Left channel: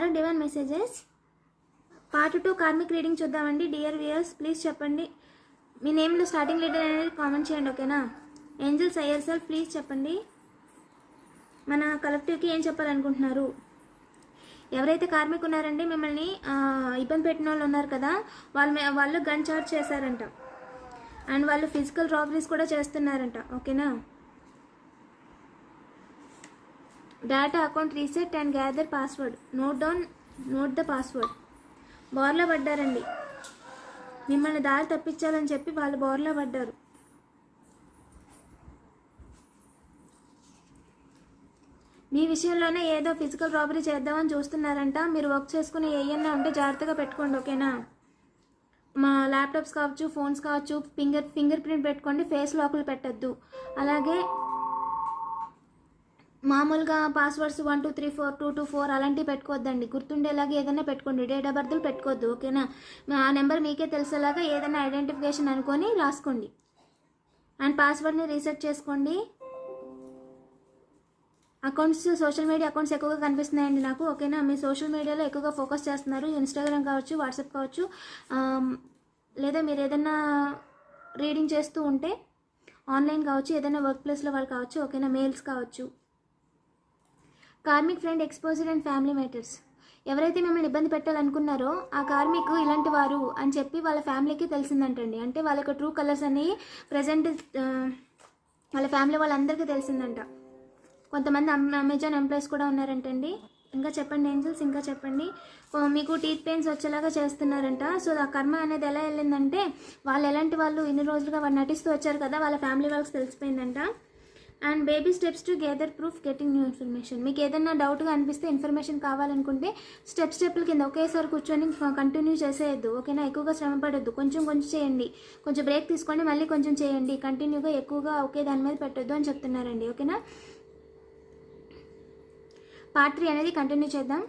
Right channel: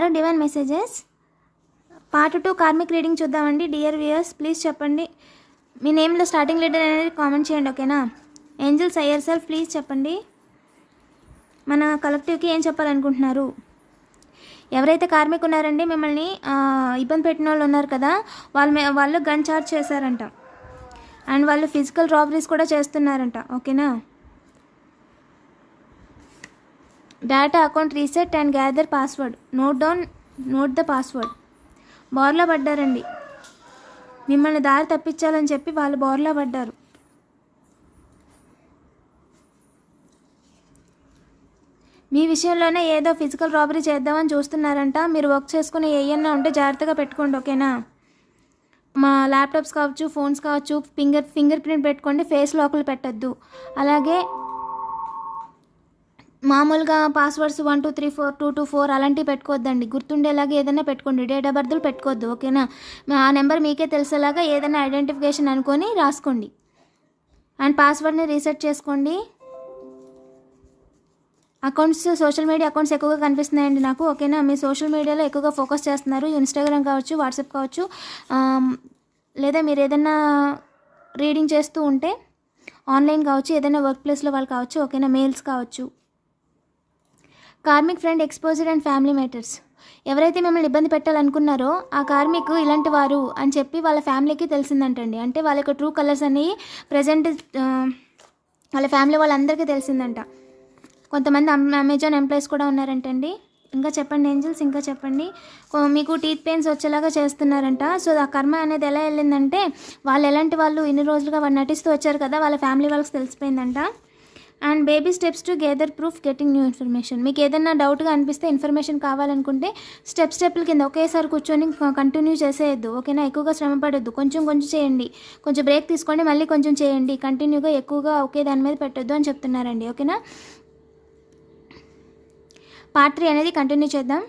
Tarot divine messages part 2 karmic reading చూద్దామండి. Dear viewers please చెప్పండి, మీ నేమ్లో starting letter అనేది comment చేయండి, ఓకేనా. ఏంజల్స్ అయ్యర్ సెల్ఫ్ ప్లీజ్ చెప్పండి, మన కలెక్టివ్కి ఏం చెప్పాలనుకుంటున్నారు. ఎవరైతే కార్మిక్ ఉన్నారండి మిమ్మల్ని ఇబ్బంది పెట్టిన వాళ్ళు ఉన్నారు కదా, వాళ్ళు గన్ చార్జ్ చేశారంట అండ్ వాళ్ళు ఫిజికల్ రాబరీస్ కూడా చేస్తున్నారంట, ఓకేనా. Data account reset and gather password, note the password. బోర్లా పడ్డారండి, మిమ్మల్ని దారి తప్పించాలని చెప్పి వాళ్ళు బోర్లా పడ్డారు. మీ విషయంలోనే ఏదో ఫిజికల్ రాబరీ చేద్దామని చూస్తున్నారంట. మీరు వర్క్ చేసుకుని ఏమన్నా ఉంటే జాగ్రత్తగా పెట్టుకోండి, ఓకేనా. మా ల్యాప్టాప్స్ కావచ్చు, ఫోన్స్ కావచ్చు, ఫింగర్ ప్రింట్ పెట్టుకోండి, ఫేస్ లాకులు పెట్టద్దు. అలాగే మామూలుగా పాస్వర్డ్స్ 1234 అలాంటివి పెట్టుకోవద్దండి. గుర్తుండేలాగా ఏదైనా పెట్టుకోండి, డేట్ ఆఫ్ బర్త్లు పెట్టుకోవద్దు, ఓకేనా. ఆ నెంబర్ మీకే తెలిసేలాగా ఏదైనా ఐడెంటిఫికేషన్ అనుకొని రాసుకోండి అండ్ పాస్వర్డ్ని రీసెట్ చేసుకోండి. అకౌంట్స్, సోషల్ మీడియా అకౌంట్స్ ఎక్కువగా కనిపిస్తున్నాయండి నాకు, ఓకేనా. మీ సోషల్ మీడియాలో ఎక్కువగా ఫోకస్ చేస్తున్నారు, ఇన్స్టాగ్రామ్ కావచ్చు, వాట్సాప్ కావచ్చు, లేదా మీరు ఏదైనా రీడింగ్ చేస్తూ ఉంటే ఆన్లైన్ కావచ్చు, ఏదైనా వర్క్ ప్లేస్లో వాళ్ళు కావచ్చు, ఓకేనా. మెయిల్స్ కావచ్చు. Karmic friend exposure and family matters. ఎవరైతే మిమ్మల్ని ఇబ్బంది పెట్టాలనుకున్నారో ఆ కార్మిక్ ఇలాంటి వారు అని చెప్పి వాళ్ళ ఫ్యామిలీకి తెలిసిందంటండి. అంటే వాళ్ళ యొక్క ట్రూ కలర్స్ అనేవి ప్రజెంట్ వాళ్ళ ఫ్యామిలీ వాళ్ళందరికీ తెలిసిందంట. కొంతమంది అమెజాన్ ఎంప్లాయీస్ కూడా ఉన్నారంటండి. ఇంకా చెప్పండి ఏంజల్స్, ఇంకా చెప్పండి. మీకు టీత్ పెయిన్స్ వచ్చేలాగా చేస్తున్నారంట. సో ఆ కర్మ అనేది ఎలా వెళ్ళిందంటే, వాళ్ళు ఎలాంటి వాళ్ళు ఇన్ని రోజులుగా వాళ్ళు నటిస్తూ వచ్చారు కదా, వాళ్ళ ఫ్యామిలీ వాళ్ళకి తెలిసిపోయిందంట. And baby steps together proof getting new information. మీకు ఏదైనా డౌట్గా అనిపిస్తే, ఇన్ఫర్మేషన్ కావాలనుకుంటే స్టెప్పుల కింద ఒకేసారి కూర్చొని కంటిన్యూ చేసేయద్దు, ఓకేనా. ఎక్కువగా శ్రమ పడద్దు, కొంచెం చేయండి, కొంచెం బ్రేక్ తీసుకోండి, మళ్ళీ కొంచెం చేయండి. కంటిన్యూగా ఎక్కువగా ఒకే దాని మీద పెట్టద్దు అని చెప్తున్నారండి, ఓకేనా. పార్ట్ 3 అనేది కంటిన్యూ చేద్దాం.